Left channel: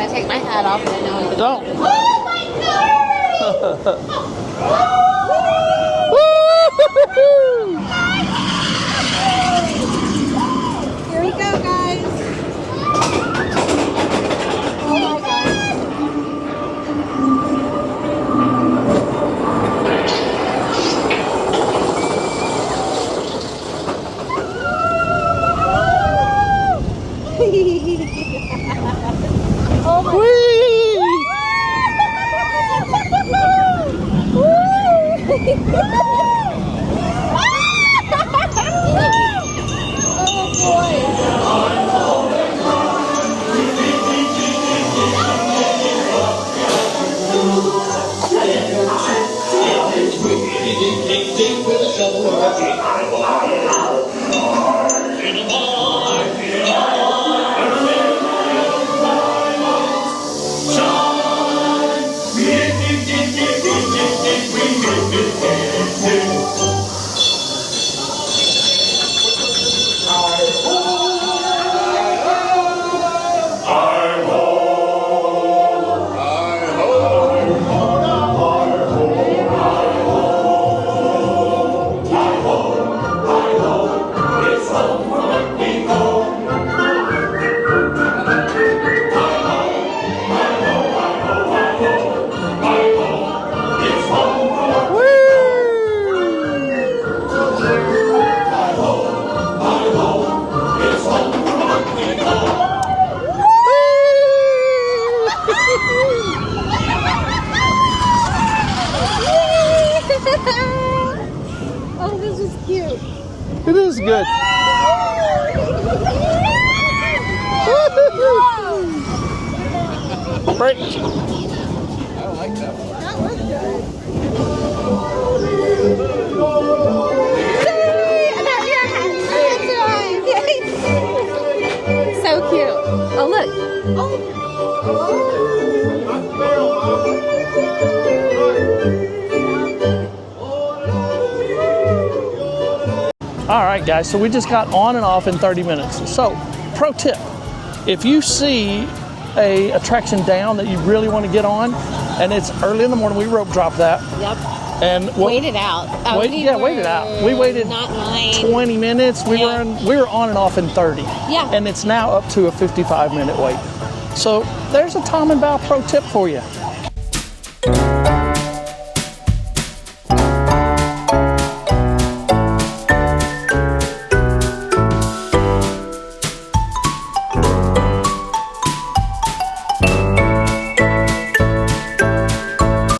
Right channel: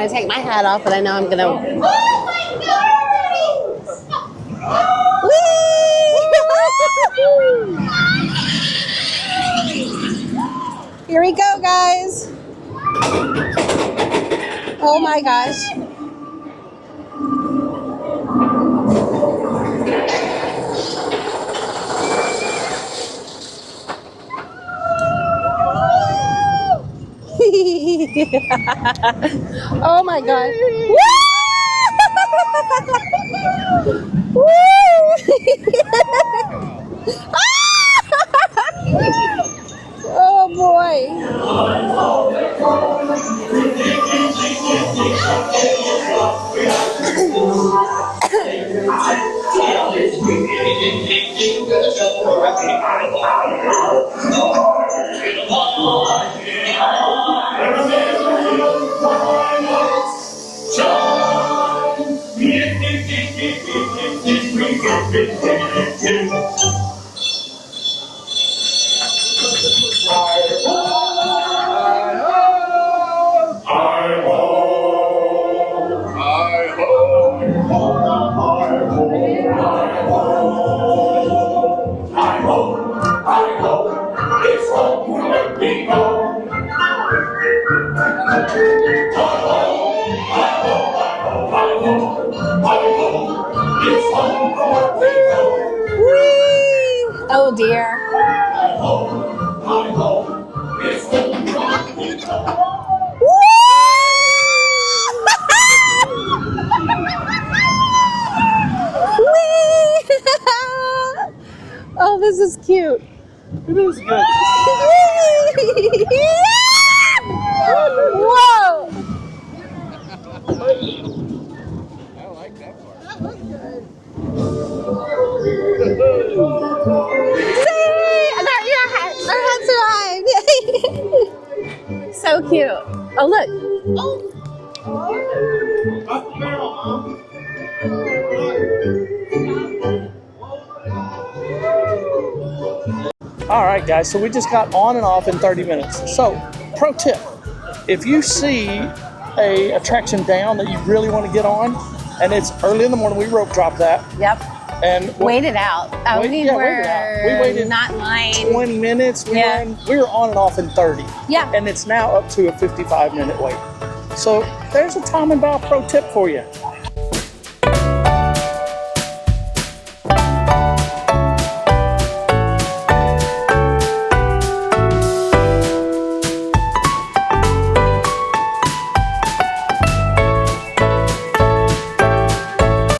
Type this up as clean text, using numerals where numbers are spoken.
want to take my hat off, but I know I'm going to... Oh. Here we go, guys. Oh my gosh. Oh my gosh. Oh boy. Oh dear. Oh, this is cute. It is good. Whoa! Break. I like that one. That was good. I got your hat. That's right. So cute. Oh, look. All right, guys, so we just got on and off in 30 minutes. So, pro tip, if you see a attraction down that you really want to get on, and it's early in the morning, we rope drop that. Yep. And Wait it out. wait it out. We waited not line. 20 minutes. We Yeah. were on and off in 30. Yeah. And it's now up to a 55-minute wait. So there's a Tom and Bob pro tip for you.